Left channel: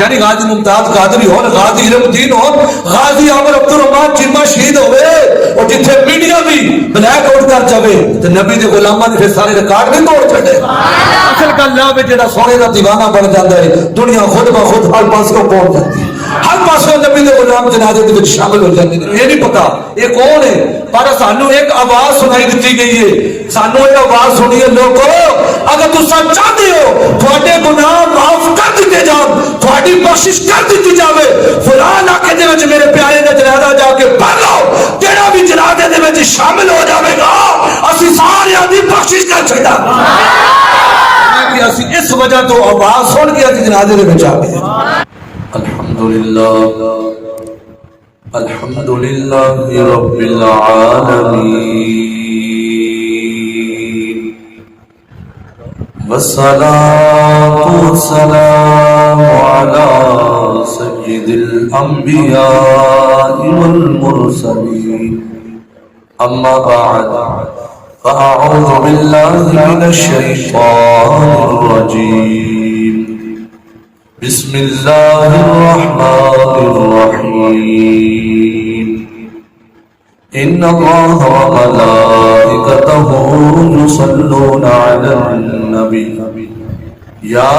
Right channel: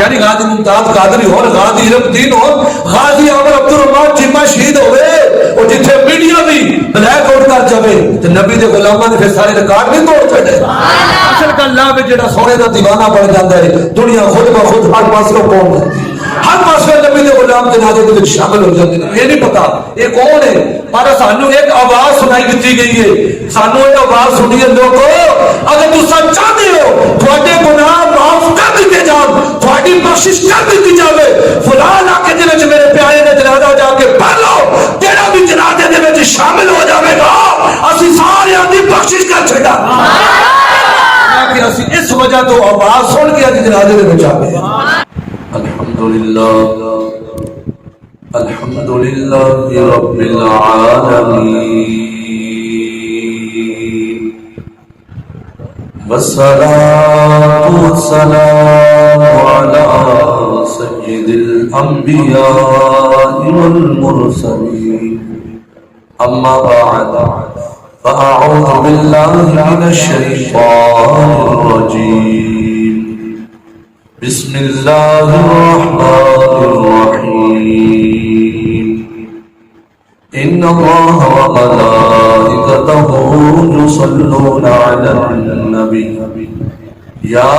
यानी गाजी मुमताज कादरी हो, गाजी इल्मुद्दीन हो, गाजी अमर अब्दुल रहमान चिम्मा शहीद होवे और जिथे मीडिया भी ब्लैक आउट कर जावे ते नबी दे गुलामां दे फिर सारे रिकॉर्ड नहीं तोड़ छड़े। असल गल ला वे जेड़ा सोने दा दीवाना बन जांदा है दुनिया खुद ब खुद हर पासे पहुंच जाती है, हर पासे नबी दे गुलाम जनाजे दे विच शामिल हो जाते हैं। ये नहीं पता ये कौन है, पर सानू एक आवाज सुनाई दी गई है, सानू ये आवाज सुनिए लोगो, अगर तुसा चाहते हो थोड़े गुनाह माफ कर दिए जान, थोड़ी बख्शिश कर दी जावे, फलां इलाके दे विच मेरे प्यारे ने जनाजा जाके पढ़ लो, तेरा भी जनाजे दे विच शामिल हो जाएगा, असि सारे दी बख्शिश कर छड़ा। कि असि इस वजह तो आवाज सुन के अज जनाजे दे विच आ गए। अल्हम्दुलिल्लाह अल्हम्दुलिल्लाह रब्बिल आलमीन वस्सलातु वस्सलामु अला सय्यिदिल अंबिया वल मुरसलीन अम्मा बअद फ़अऊज़ु बिल्लाहि मिनश शैतानिर रजीम बिस्मिल्लाहिर्रहमानिर्रहीम इन्नल्लाह व मलाइकतहु युसल्लूना अलन नबी या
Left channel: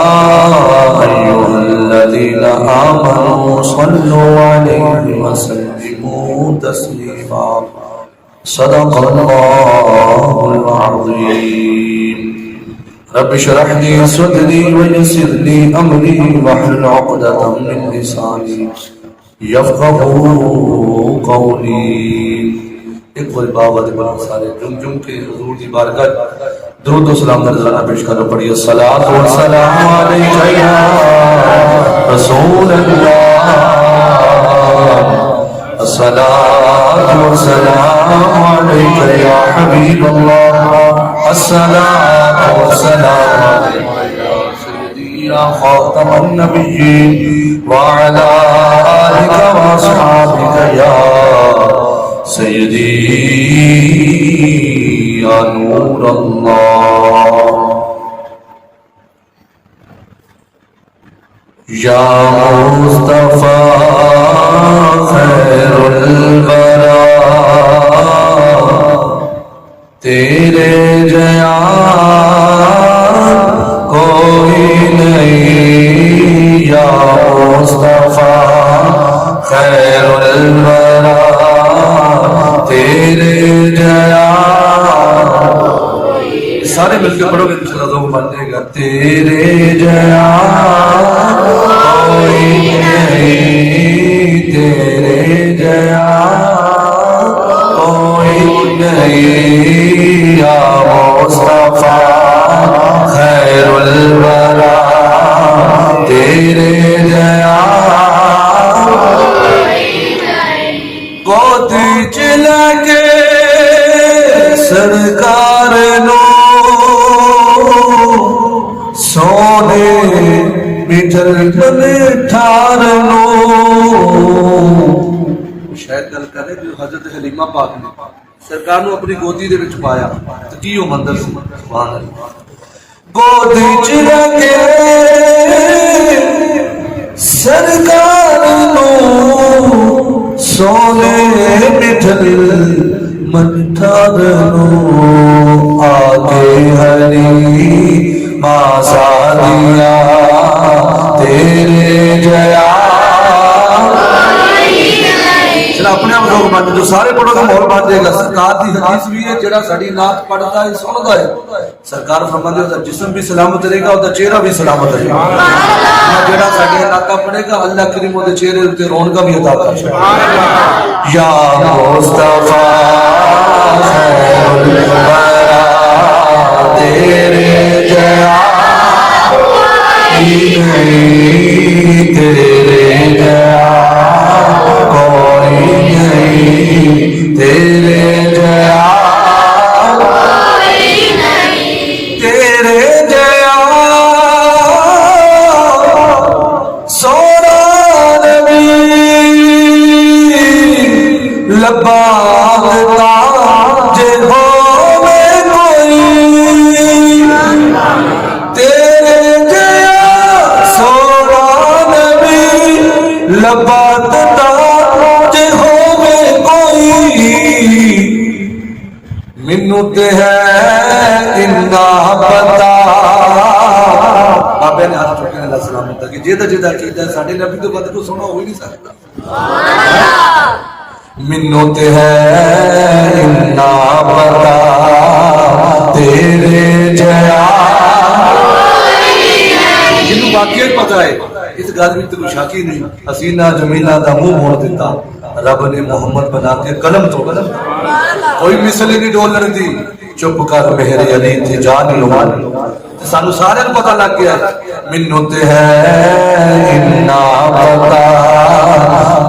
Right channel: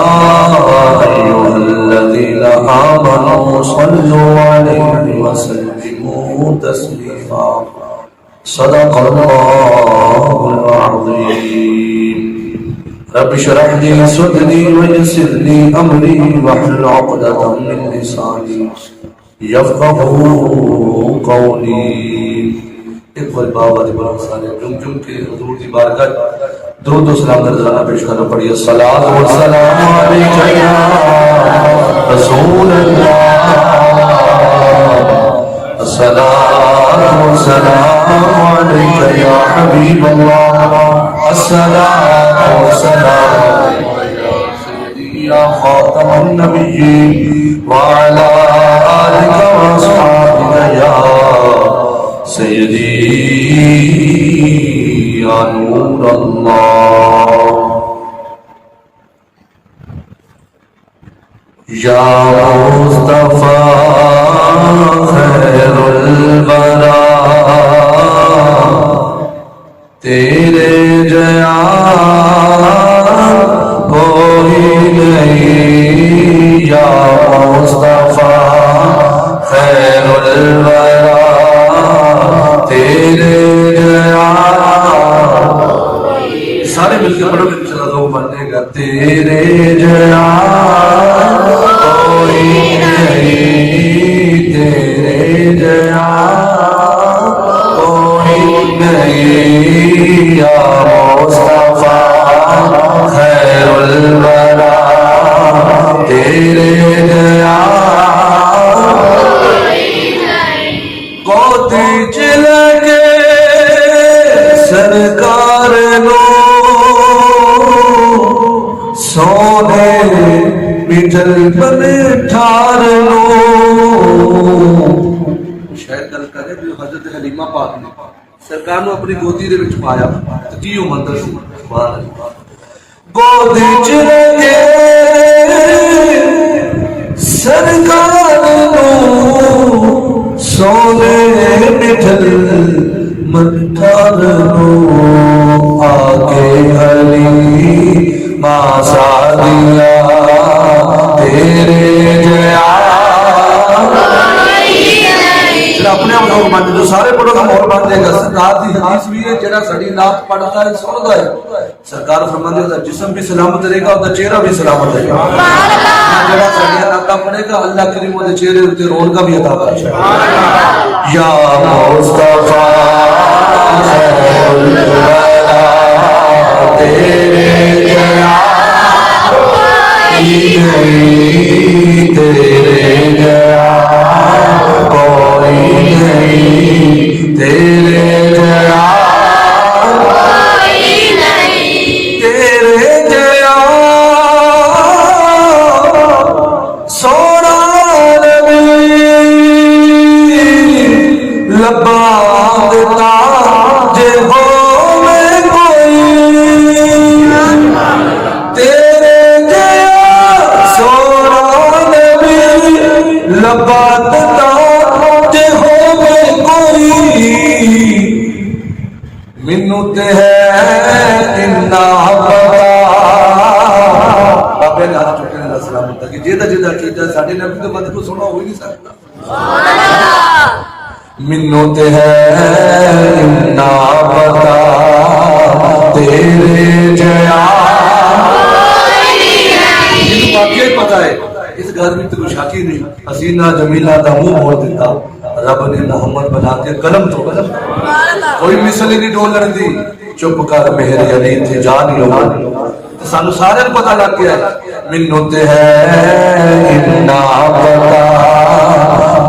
अय्युहल्लज़ीना आमनू सल्लू अलैहि व सल्लिमू तस्लीमा सदक़ल्लाहुल अज़ीम। रब्बि इश्रह ली सदरी व यस्सिर ली अमरी वहलुल उक़दतम मिन लिसानी यफ़क़हू क़ौली। एक बार बाबा दे बड़ा सारे जुम के हुजूर दी बारगाह दुरूद व सलाम नजराना पेश करो। पढ़िए सलात व सलाम अलैका या रसूल अल्लाह, अस्सलातु व सलाम अलैका या हबीब अल्लाह, अस्सलातु व सलाम अलैका या सय्यदी या खातमन नबिय्यीन व अला आलिका व अस्हाबिका या सय्यदी या नूर अल्लाह या मुस्तफा खैरुल वरा तेरे जया कोई नहीं या मुस्तफा खैरुल वरा तेरे जया। सारे मिलकर पढ़ोगे तो चला दो बन जाएगा। तेरे जया कोई नहीं, तेरे जया कोई नहीं या मुस्तफा खैरुल वरा तेरे जया गोदी चिलके सरकार नो सोने मिठल बने ठार नो। शायद गल करे भी हजरत हलीमा पाक ने सरकार नु अपनी गोदी दे विच पाया ते की ओ मंदिर सी। सुभान अल्लाह। गोदी च लगे सरकार नु सोने मिठल मठार नु आगे हलीमा सादिया तेरे जया। अपने आप लोग मान जो सारे पढ़ोगे माहौल बन जाएगा। सरकार की हदीस भी है जेड़ा साड़ी नात पढ़ता है सुनता है सरकार फरमाते हैं जिस्म भी सलामत रहेगा उसका चेहरा भी सलामत रहेगा। जेड़ा साड़ी नाता पढ़ेगा अल्लाह करीम उसके चेहरे उत्ते रौनक भी अता करेगा। या मुस्तफा खैरुल वरा तेरे जया तेरे जया तेरे जया तेरे जया सोना नबी लब्बा देता जे हो में कोई तेरे जया सोना लबा ते होवे कोई मैनू ते है इन्ना पता। बाबे ने हाथ चुकने दा सलाम होता कि जेदा जेदा कीता साडे नबी तो बद को सुना हो ही नहीं सकता। मैनू ते है इन्ना पता तेरे जया जिन्होंने वाकई पता है इस गल में तो शाकी नहीं। हसीना जमीला का मुंह मोड़ दिता रब ने मोहम्मद बना के कलम तो कलम कोई मिसल नहीं डोलर दी। चुप कर मेरे अली थे जान लो सानू सारे पता लग गया मैनू ते है इन्ना पता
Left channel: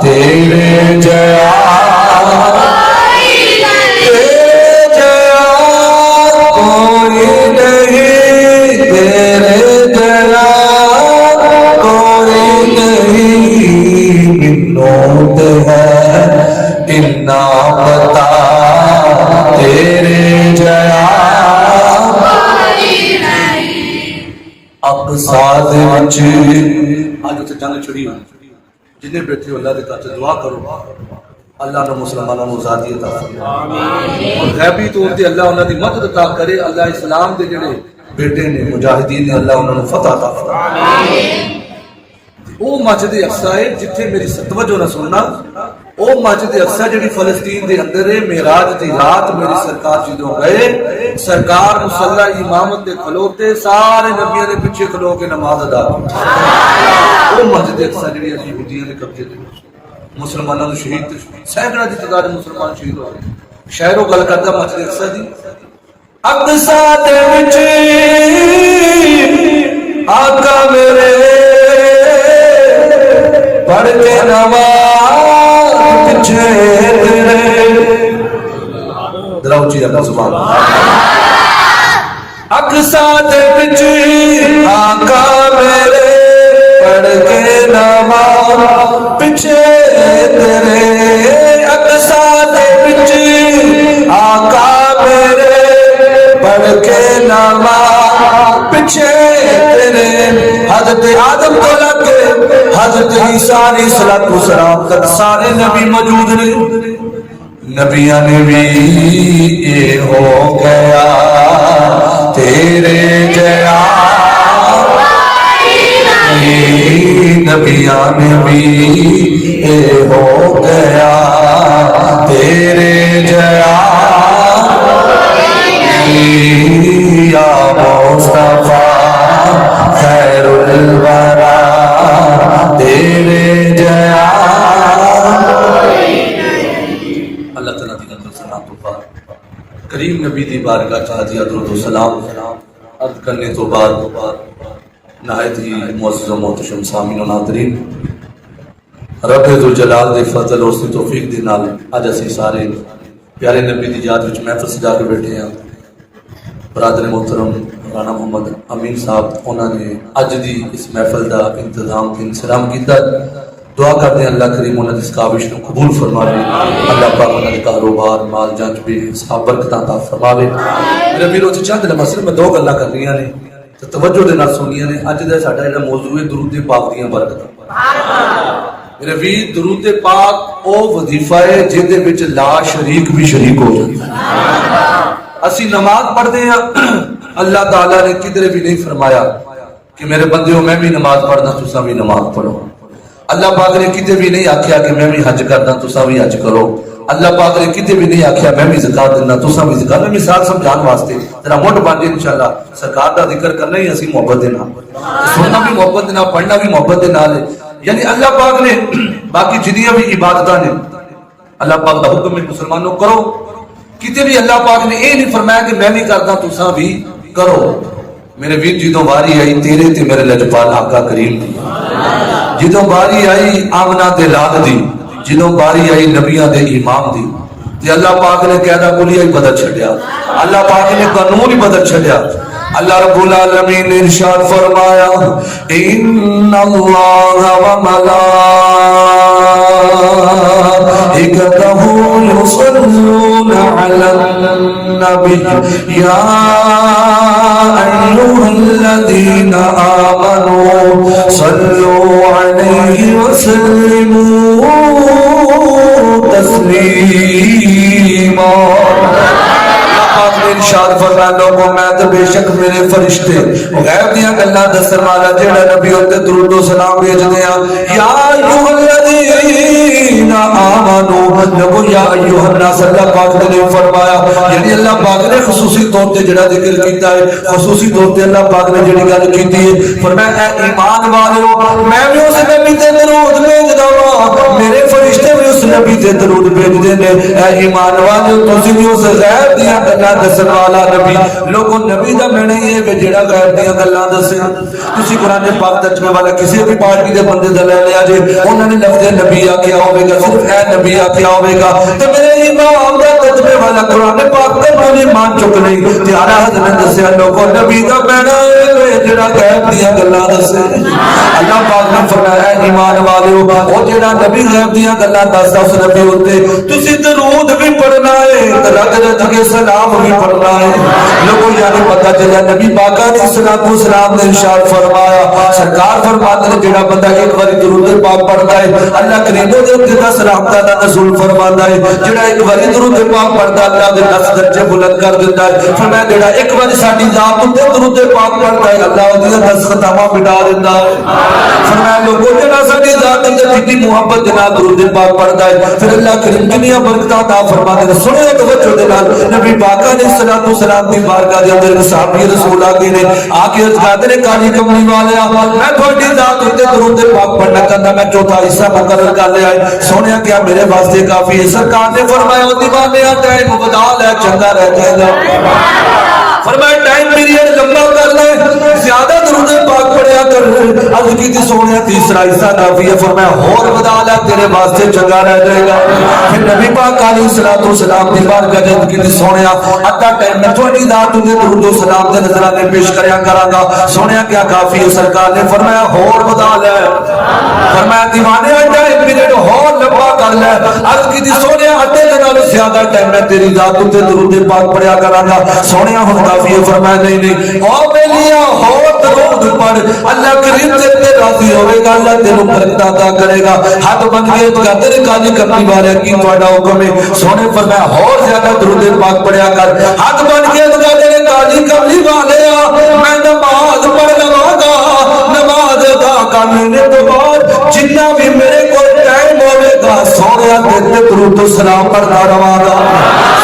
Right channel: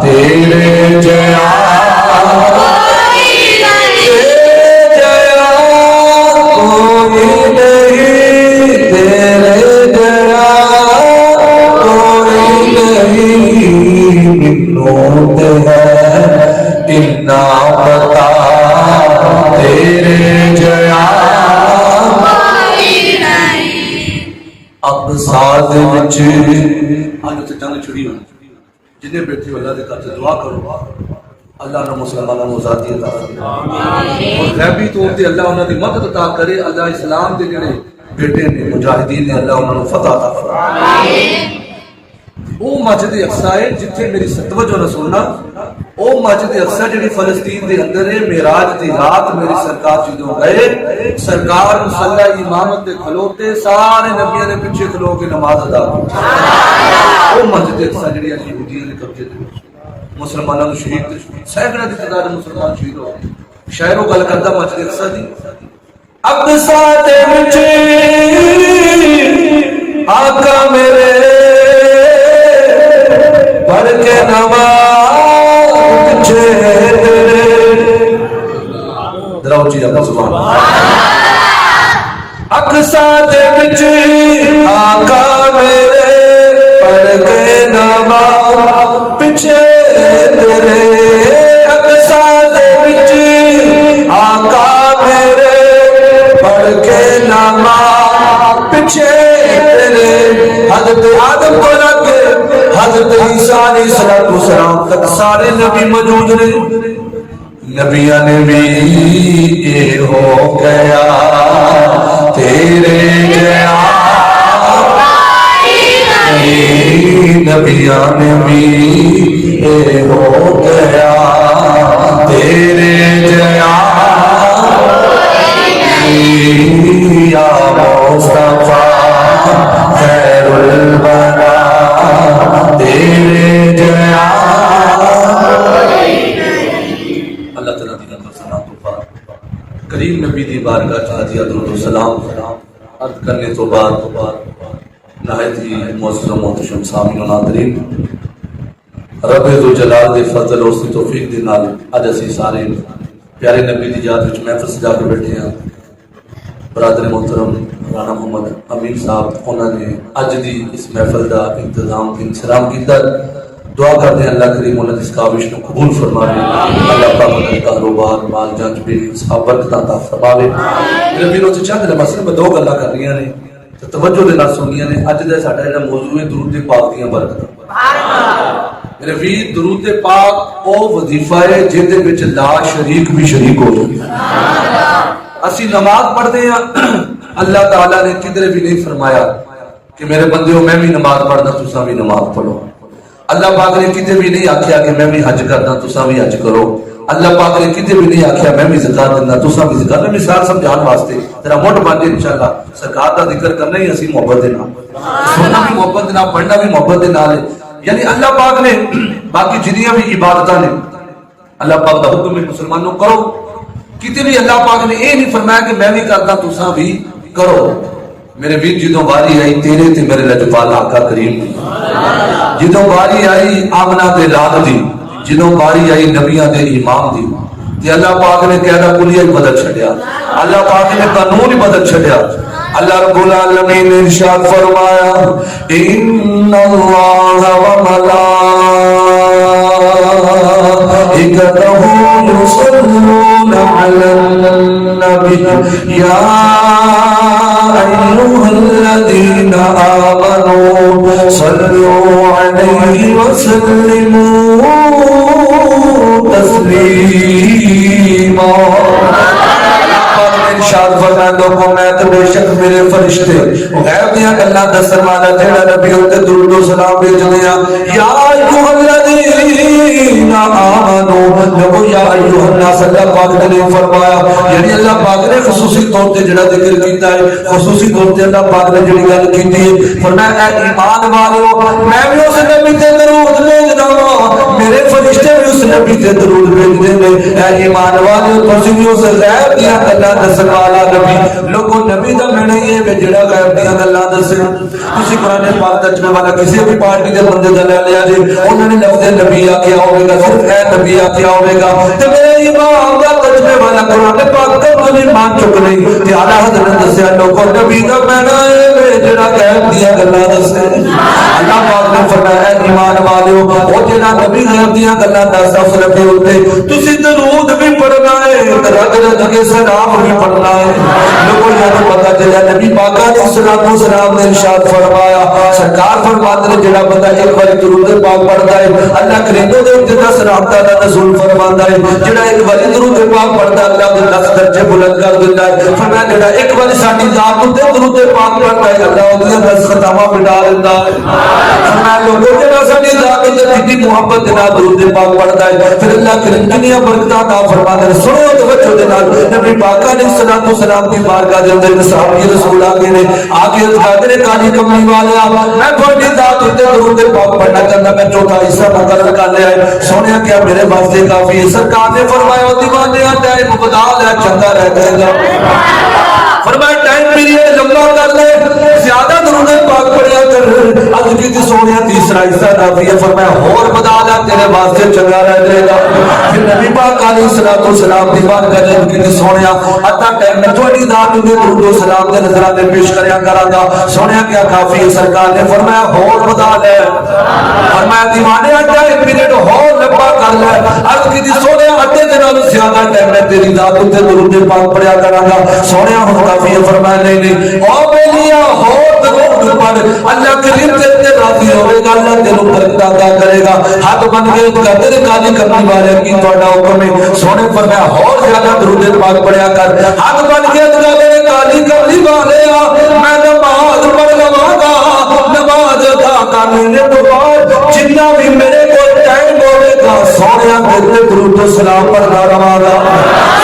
तेरे जया जंग छुड़ी हुई जिन्हें बैठे अल्लाह के घर से दुआ करो अल्लाह ने मुसलमानों को आजादी अता करे और गैबी तौर पे अल्लाह उन्हां दी मदद अता करे। अल्लाह इस्लाम दे जेड़े बेटे ने मुजाहिदीन ने अल्लाह उन्हां फतह अता फरमाए। वो मस्जिद अक्सा है जिथे मेरी तवज्जो न सुनना वो मस्जिद अक्सा जी फलस्तीन के अंदर है। मेराज की रात मेरी सरकार जो गए सरकार मुसल्ला इमामत के खलोते सारे नबियों के पीछे खलो के नमाज अदा की। वो मस्जिद अक्सा जी यहूदियों के कब्जे मुसलमानों को शहीद सैकड़ों की तादाद मुसलमान शहीद हो गए। शायरों गल करता मस्जिद अक्सा की अक्सा दे विच आका मेरे पढ़ के नवाज पिछे तेरे दराउची दा सुभान अक्सा दे विच आका मेरे पढ़ के नवाज पिछे तेरे अक्सा दे विच आका मेरे पढ़ के नवाज पिछे तेरे हज़रत आदम को लगे हज़रत ईसा अलैहिस्सलाम तक सारे नबी मौजूद ने। नबिया ने भी ये हो गया तेरे जया नबिया ने भी ये हो गया तेरे जया या मुस्तफा खैरुल वरा तेरे जया। अल्लाह ताला दी रहमत सलाम करीम नबी दी बारगाह च हाजिया दुरूद सलाम अर्ज करने तो बाद नहायत ही मुअज़्ज़ज़ मोहतरम सामीन व नाज़रीन रब ज़ुल जलाल दे फज़ल और तौफीक दे नाल अज असीं सारे प्यारे नबी दी याद विच महफिल सजा के बैठे हैं। बरादर मोहतरम राणा मोहम्मद अमीन साहब उन्होंने अज की इस महफिल का इंतजाम इंतजाम किया। दुआ करते हैं अल्लाह करीम उन्होंने इस काविश को कबूल फरमावे। अल्लाह पाक उन्हें कारोबार माल जांच भी बरकत अता फरमावे। मेरे वीरों से चंद लम्हा सिर्फ दो गल्लां करनियां ने तो तवज्जो दे नाल सुनियां ने। अज दा साडा जिहड़ा मौजू है दुरूद पाक दी बरकत। मेरे वीर दुरूद पाक वो वजीफा है जिहदे विच ला शरीक भी शरीक हो जाए। असी नमाज पढ़ते हैं अल्लाह ताला ने किधरे भी नहीं फरमाया कि मेरे बंदे मैं भी नमाज पढ़ना तुसा भी नमाज पढ़ो। अल्लाह पाक ने किधरे भी नहीं आख्या कि मैं भी हज करना तुसा भी हज करो। अल्लाह पाक ने किधरे भी नहीं आख्या मैं भी ज़कात देना तुसा भी ज़कात। मैं मिसाल समझाने वास्ते तेरा मुठ बन जाए इंशाअल्लाह। सरकार का जिक्र करना ही असी मोहब्बत दे नाल सुनना भी मोहब्बत दे नाल पढ़ना भी मोहब्बत दे नाल है। यानी अल्लाह पाक ने बाकी जिन्नियां भी इबादतां ने अल्लाह पाक दा हुक्म है मुसलमानों करो। किते भी अल्लाह पाक ने यह नहीं फरमाया कि मैं भी करदा तुसा भी करो। मेरे वीर जो बारी आई तेरे ते मेरे लजपाल आका करीम दी, जो बारी आई आमना ते लाद दी, जो बारी आई नबियां दे इमाम दी, ते अल्लाह पाक ने कहना कुलिया ही बदल छड़िया। अल्लाह पाक ने कानून ही बदल छड़िया। अल्लाह रब्बुल आलमीन ने इरशाद फरमाया इन्नल्लाह व मलाइकतहु युसल्लूना अलन नबी या अय्युहल्लज़ीना आमनू सल्लू अलैहि व वसल्लिमू तस्लीमा। इरशाद फरमाया लोगों मैं तो बेशक मेरे फरिश्ते गैब दियां गल्लां दस्सण वाला जेड़ा नबी उत्ते दुरूद व सलाम भेजदे आ या अय्युहल्लज़ीना आमनू लोगो या अय्युहन्नास अल्लाह पाक ने फरमाया यानी अल्लाह पाक ने खुसूसी तौर पे जेड़ा जिक्र कीता है खुसूसी तौर पे अल्लाह पाक ने जेड़ी गल कीती है फरमाया ए ईमान वालियो मैं भी उस नबी ते दुरूद भेजदा हां मेरे फरिश्ते भी उस नबी ते दुरूद भेजदे ने ए ईमान वालियो तुसीं भी उस गैब दियां गल्लां वाला नबी लोगों नबी दा मैंने ये जेड़ा गैब दियां गल्लां दस्सण तुसी कुरान पाक दसने वाला किसी भी पार्टी दे बंदे दा ले लिया जे उन्होंने लफ्ज़ नबी आख्या होगा सिर्फ ए नबी आख्या होगा ते मेरे इमाम दा दसने वाला कुरान पाक दा मैंने मान चुक नहीं ते आला हज़रत ने दस्या लोगों नबी दा मैंने ये जेड़ा गैब दियां गल्लां दस्से अल्लाह पाक ने फरमाया ईमान वालियो ओ जेड़ा नबी गैब दियां गल्लां दसदा उस नबी उत्ते तुसी दरूद भी पढ़ना है रग रग के सलाम भी पढ़ना है लोगों याद पता चला नबी पाका ने सलातो सलाम ने इरशाद फरमाया सरकार फरमाते ने जेड़ा बंदा एक बार दरूद पाक पढ़ता है अल्लाह करीम दे उत्ते दा सलाम दा नज़ूल फरमांदा है जेड़ा एक बार दरूद पाक पढ़ता अल्लाह दे लफ्ज़ दर्जे बुलंद कर देता है फरमाया जेड़ा एक बार साडी जात उत्ते दरूद पाक पढ़ता है अल्लाह ओदी दस खतावा मिटा देता है फरमाया लोगों जेड़ा साडी जात दे जितनी मोहब्बत दे नाल दरूद पाक पढ़ता है फिर अल्लाह करीम कितनी बरकत अता फरमांदा है सुनो तवज्जो दे नाल नबी पाका ने सलातो सलाम दी बारगाह दे अंदर सहाबी रसूल आगे ने आके कहते ने काली कमली वाले मैं थोड़ी जात उत्ते दरूद पाक पढ़ना करना मैं चौथा हिस्सा मुकर्रर कर लिया है सोनिया क्या मेरे वास्ते काफी है सरकार ने फरमाया ओ दीवाने टाइम बदल है चंगा रह जाएगा फरमाया टाइम पीरियड लंबा कर ले ज्यादा दरूद पाक पढ़या कर आज की दी सोनिया तीसरा हिस्सा काफी है फरमाया और बदल है तेरे वास्ते चंगा रह जाएगा फिर नबी पाक अलैहिस्सलातु सलाम दी बात कहते कि दी सोनिया अद्धा टाइम मैं थोड़ी जात दे दरूद सलाम दे नजराने पेश करया करांगा सोनिया क्या काफी है सरकार ने फरमाया और बदल है फरमाया दीवाने टाइम पीरियड और लंबा कर ले आज की दी सोनिया अड्डे दे नालों ज्यादा टाइम मैं तेरी जात ते दरूद पाक पढ़या करांगा सोनिया हुन काफी है फरमाया नहीं ओ बेलिया और दरूद पढ़ अल्लाह करीम तेरे राजी होवेगा अल्लाह तेरे बरकत अता करेगा हाथ बन के तेरे काली करने वाले की तोड़ा हुक्म है सोने फरमाया और ज्यादा दरूद पाक पढ़या कर हाथ बन के तेरे काली करने वाले मैं नमाज पढ़ लवांगा नमाज अदा करने तो बाद जितना भी मेरे को टाइम होवेगा सोने तेरे दरूद सलाम पढ़ना रवांगा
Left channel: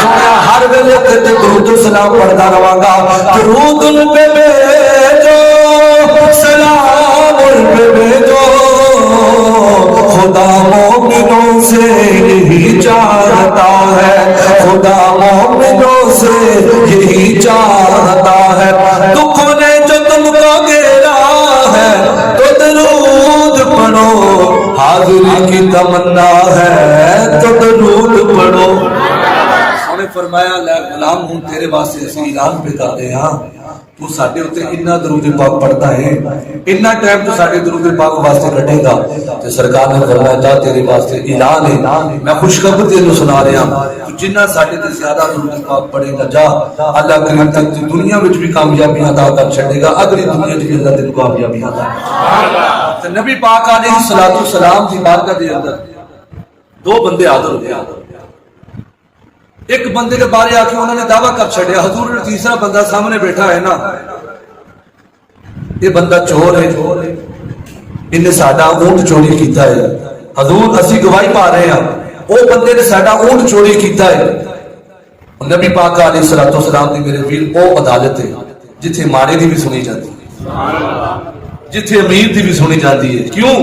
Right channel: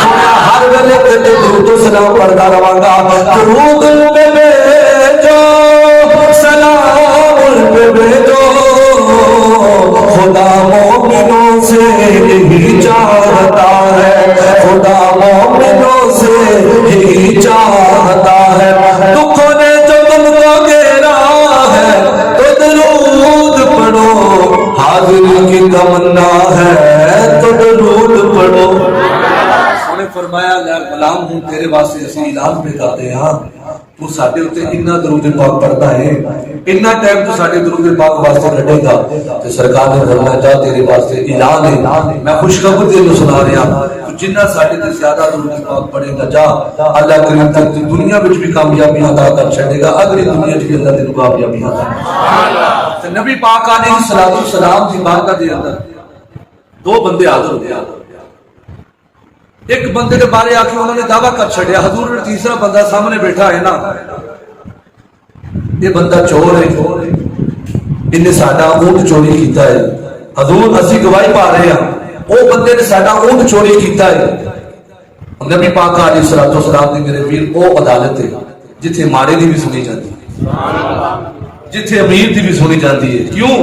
सोने हर वेले तेरे दरूद सलाम पढ़ना रवांगा दरूद पे भेजो सलाम पे भेजो खुदा मोमिनों से यही चाहता है खुदा मोमिनों से यही चाहता है दुखों ने जो तुमको घेरा है तो दरूद पढ़ो हाजिरी की तमन्ना है तो दरूद पढ़ो उन्हें फरमाया गुलाम हूं तेरे वास्ते असली ऐलान पे करते हां तू साडे उत्ते इन्ना दरूद पाक पढ़ता है इन्ना टाइम तू साडे दरूद पाक वास्ते कटेगा ते सरकार ने फरमाया जा तेरे वास्ते ऐलान है मैं खुशखबरी तेनू सुना रहा तू जिन्ना साडे ते ज्यादा दरूद पाक पढ़ेगा जा अल्लाह करीम तक दुनिया विच भी कामयाबी अता कर छड़ेगा अगली दुनिया च भी अल्लाह तेनू कामयाबी अता सुभान अल्लाह ते नबी पाक अलैहिस्सलातु सलाम दी बारगाह दे अंदर दो बंदे हाजिर हो गए एक बंदे के बारे आके उन्होंने दावा कर छड़िया हजूर ने तीसरा बंदा सामने बैठा है ना ये बंदा चोर है इन्हें साडा ऊंट चोरी किया है हजूर असि गवाही पा रहे हैं वो बंदे ने साडा ऊंट चोरी किया है नबी पाक अलैहिस्सलातु वस्सलाम दी मेरे वीर वो अदालत है जिथे मारे दी भी सुनी जाती है जिथे अमीर दी भी सुनी जाती है क्यों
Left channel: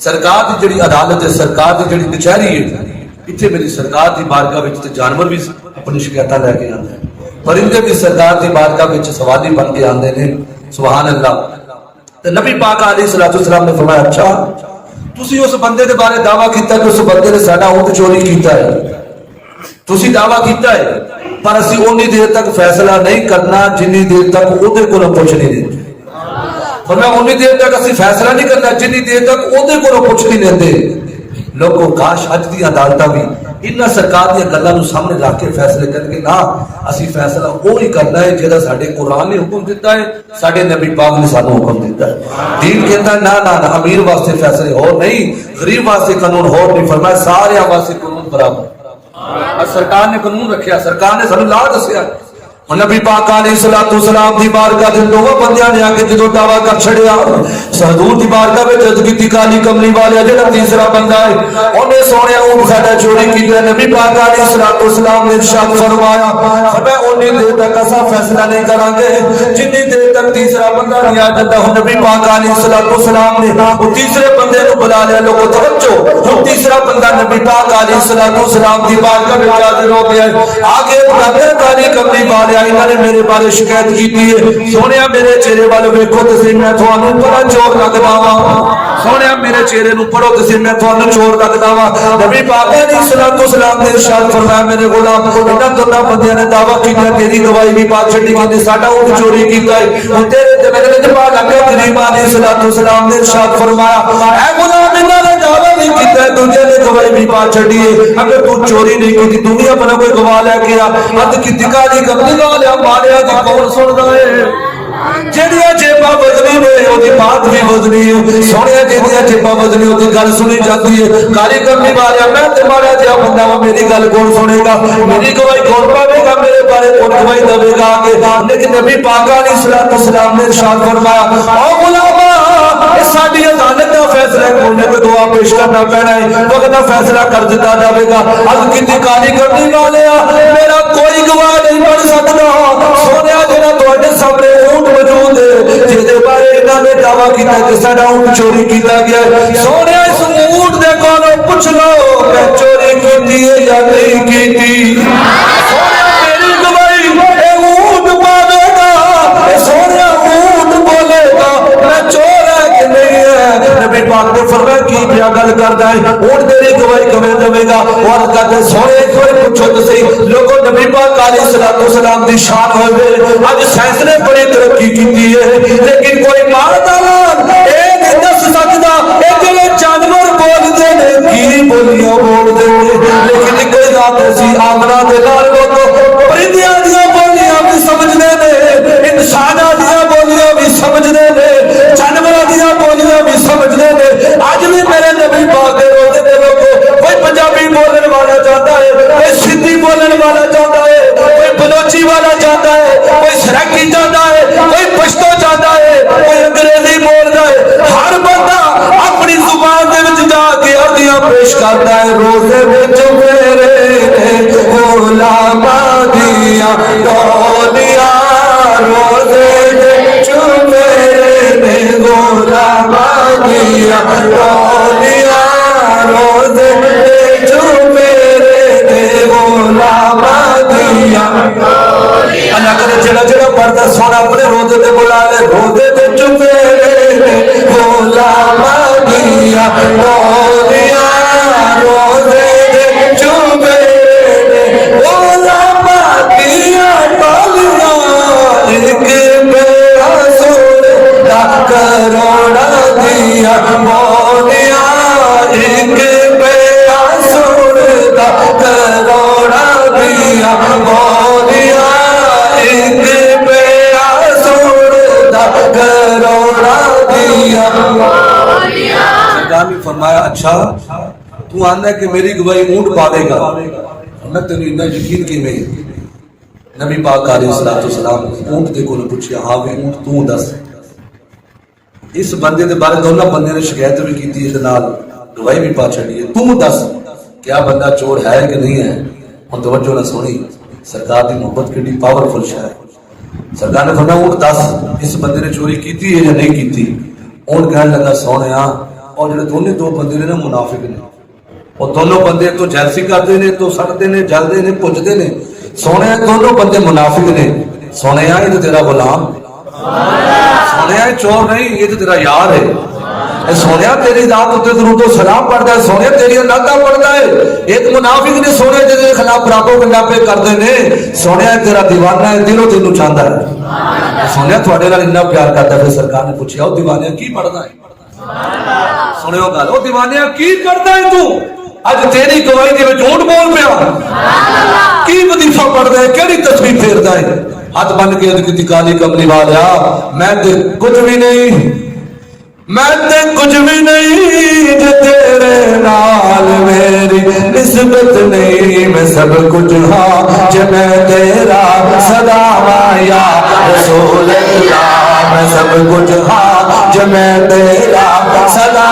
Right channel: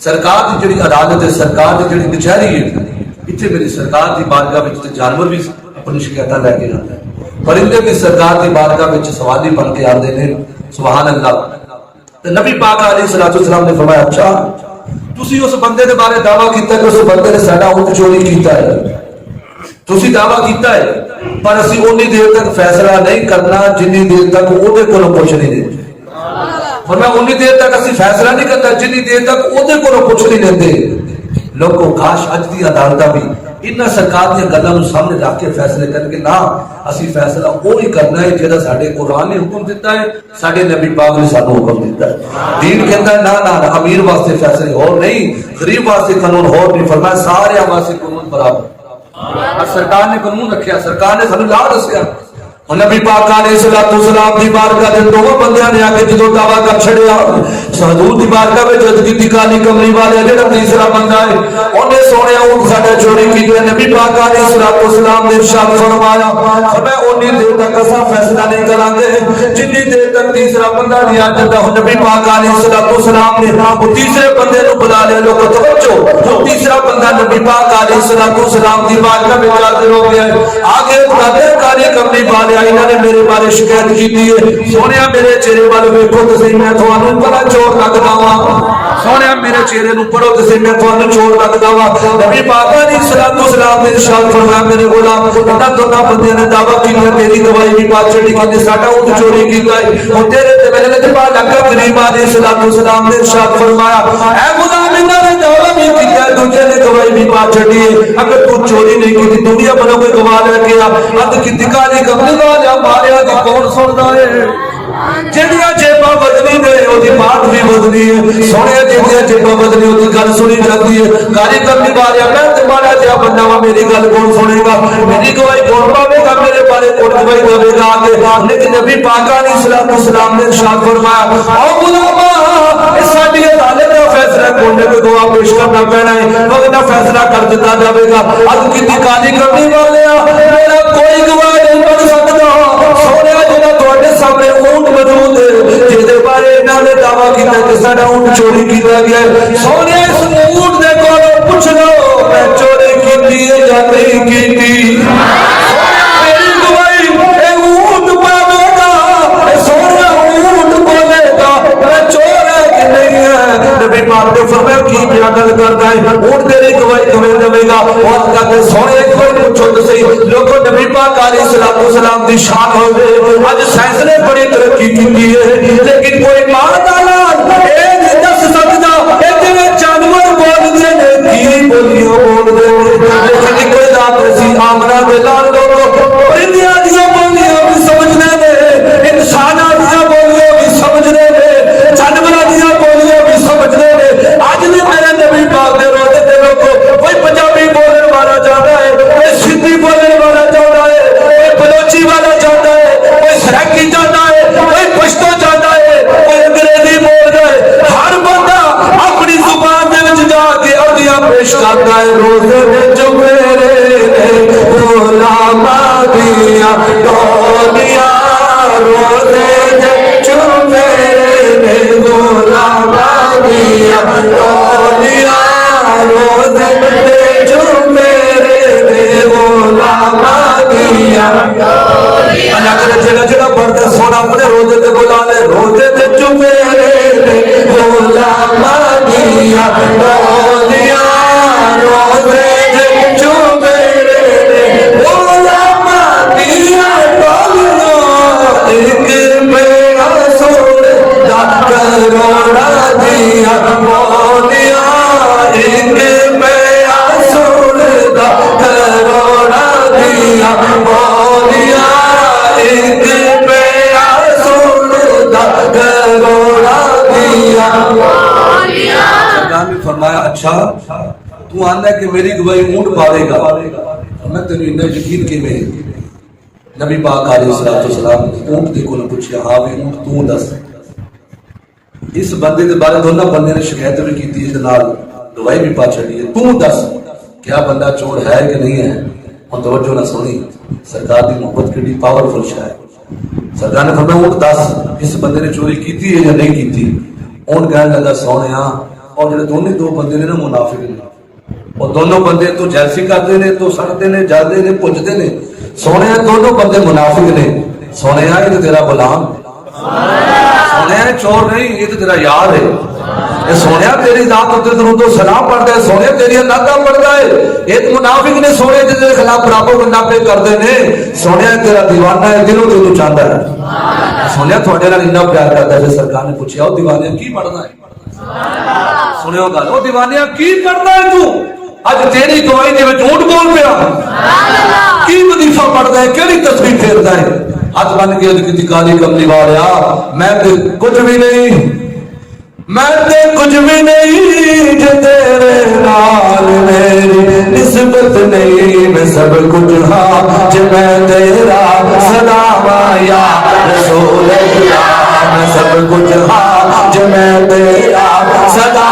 सरकार की जिहड़ी अदालत है सरकार की जिहड़ी कचहरी है इतने मेरी सरकार की बारगाह में जानवर भी अपनी शिकायत लैके आते हैं परिंदे भी सरकार की बारगाह में सवाली बन के आते हैं सुभान अल्लाह तो नबी पाक अलैहिस्सलातु वस्सलाम ने फरमाया अच्छा तुसी उस बंदे के बारे दावा किया कि उस बंदे ने साडा ऊंट चोरी किया है तुसी दावा किया है पर असी उन्नी देर तक फैसला नहीं करना जिन्नी देर तक ओदे कोलों कुछ नहीं देते फरमाया उन्नी देर तक असी फैसला नहीं करना जिन्नी देर तक ओदे कोलों कुछ नहीं देते लोगों काश अज दी अदालतां भी इन्हां सरकार दी गल्लां नूं सामने रख के फैसले करके ना असीं फैसला वो ही करना है जिहड़ा साडे कुरान ने हुक्म दिता है, साडे नबी पाक ने सानू हुक्म दिता है। दीन कहता ना ना अमीर वास्ते फैसले होर नहीं, गरीब वास्ते कानून होर नहीं, फरमाया सारे वास्ते कानून बराबर। सरकार ने कानून रखा, सरकार ने सानू ला दसिया। नबी पाक अलैहिस्सलाम दी बारगाह दे दोवां बंदियां ने आके जदों दावा कर छड़िया, हजूर दी बारगाह विच जद कीती काली कमली वाले जेड़ा तीसरा बंदा है ओने सोहणिया ऊंट साडा चोरी कीता। नबी पाक अलैहिस्सलाम ने इरशाद फरमाया, फरमाया ओनी देर तक असां फैसला नहीं करांगे जिन्नी देर तक तीसरा बंदा नहीं आ जाता। नबी पाक अलैहिस्सलाम ने वो तीसरे बंदे नूं बुला लिया। लोगों तवज्जो, हुण तीसरा बंदा नबी पाक अलैहिस्सलाम दी बारगाह विच हाजिर हो गया। आगे बुलाते काली कमली वाले इन्होंने मेरे बारे शिकायत की है, सोने मेरे चेहरे वाल वेखो तो मैं थानू बड़ा चोर लगदा वा, सोने मेरे चेहरे नूं पढ़ो तो मैं थानू चोर लगदा वा। नबी पाक अलैहिस्सलाम ने इरशाद फरमाया, मेरे गुलाम इन्हां दोनों बंदियां ने दावा कीता तेरी गवाही भी पाक छड्डी कि साडा ऊंट चोरी कीता है। तेरे ते मेरे ते बात लगा गरीब अलैहिस्सलाम ने इरशाद फरमाया, ऐ गुलाम इन्हां ने दावा भी कीता दूजे ने गवाही भी पाक छड्डी है, अगर तू चोरी नहीं की दुनिया भर कोई गवाह लेके आ अद कीती काली कमली मालिया दी कौन सुनदा है। जेड़ियां जेबा बदली ने ओदी बात भी बदली है, सोने जेड़ियां जेबा बदली ओदी गल सुनी जाती है। काली कमली वालिया मैं ते माड़ा जिहा बंदा वा, मेरी गल कौन सुनेगा, मेरी गवाही कौन पावेगा, मेरे बारे कौन गवाही देवेगा आगे। लेकिन नबी पाक अलैहिस्सलाम ने इरशाद फरमाया, ओ गुलामा इस साडी अदालत दा फैसला कोने कोई गवाह पेश करना पैना है, वरना फैसला कर दिता जाएगा। अज कीती काली कमली वालिया मेरा कोई गवाह नहीं बन सकता। सोने जेड़ा तुहाडे सामने ऊंट मौजूद है जिहदे बारे इन्हां ने दावा कीता कि साडा ऊंट चोरी कीता गया, सोने इस ऊंट दे कोलों पुछ लो मैं चोरी कीती है या नहीं कीती। सोने मेरी गवाही ए ऊंट पावेगा, सोने ऊंट बोलेगा मैं चोर है कि नहीं है। नबी पाक ने फरमाया की क्या गल करदा है, ऊंट तेरी गवाही किवें देवेगा। और कहते सोने कोई पूछो तो सही लोगों नबी पाक अलैहिस्सलाम दी शान होवे। आज साइंस ने बड़ी तरक्की की है लेकिन कोई मां दा लाल ए नहीं दस सकदा ए जिवें जानवर बोलदे ने की बोलियां बोलदे ने। लेकिन एक रात ऐसी आमना दे लाल लोगों परिंदियां दी बोलियां भी समझदे ने, इंसानां दी बोलियां भी समझदे ने, जानवरां दी बोलियां भी समझदे ने। आज भी मेरे नबी पाक दे रोज़े दे लोगों कोई पंजाबी बोलने वाला जाता है, कोई सिंधी बोलने वाला जाता है, कोई बलोची वाला जाता है, कोई सराइकी जाता है, कोई पश्तो जाता है, कोई अंग्रेजी बोलता है। हर बंदा अपनी जुबान दे विच जाके अर्दियां पेश करता है। रोज़े विच मेरे गुलामा दिया डोलिया, रोज़े विच मेरे गुलामा दिया डोलिया, रोज़े विच मेरे गुलामा दिया। अल्लाह करे जेड़ा जेड़ा पढ़दा सोना अपने रोज़े ते बुला ले, रोज़े विच मेरे गुलामा दिया डोलिया, रोज़े विच मेरे गुलामा दिया डोलिया। एक मेरा सोना करोड़ा दिया बोलिया, एक मेरा सोना करोड़ा दिया बोलिया, एक मेरा सोना करोड़ा दिया बोलिया। सरकार ने फरमाया अच्छा तू आंदा कि मेरी गवाही ऊंट पावेगा, मैं तेन इन्ना यकीन किवें। नबी पाक अलैहिस्सलाम ऊंट दे कोल पूछया, हाँ वे ऊंट तू दस। इस बंदे के बारे दोनों बंदे ने शिकायत भी की, गवाही भी पा छड़ी है, तू दस क्या बंदा चोर है कि नहीं है। हम तवज्जो ना सुनी, सरकार की मोहब्बत की पावरफुल है। सरकार ने फरमाया ऊंट दस इस बंदे ने चोरी की है या नहीं की। ऊंट कहने लगा सोने और जो दोनों दो बंदे ने ना मुनाफिक ने, और दोनों बंदे तो जैसी करते ने तो सड़ते ने जलते ने पुजते ने। सोने दोनों बंदे मुनाफिक ने। सोने ये तो तेरा गुलाम, सोने चोर नहीं ये तो तेरा यार है। ये सोने तेरी दात उत्ते दुरूद सलाम पढ़ता है, सोने तेरी अल्लाह पढ़ता है। एक मुनाफिक ने सोने तेरे खिलाफ प्रापो गंडा पे करते ने। सोने तेरा दीवाना है, दिलों तेनू चाहता है। सोने थोड़े नाल इन्ना प्यार करता है। सरकार ने पूछा दीवाने की पढ़ना है, सुनियो गल, दीवाने की पढ़ना है तू। अज तेरी गवाही के झूठ बोल पिया की वजीफा पढ़ता है केड़ी तस्वीर फेरता है हाथ बन के अज काली कमली वालिया मैं तो कुछ भी नहीं मैं ते कुछ भी नहीं जो तेरे नाल मेरी निस्बत नहीं मैं सब कुछ हाँ जो मैं तेरा सदा या रसूल अल्लाह मैं सब कुछ हाँ जो मैं तेरा सदा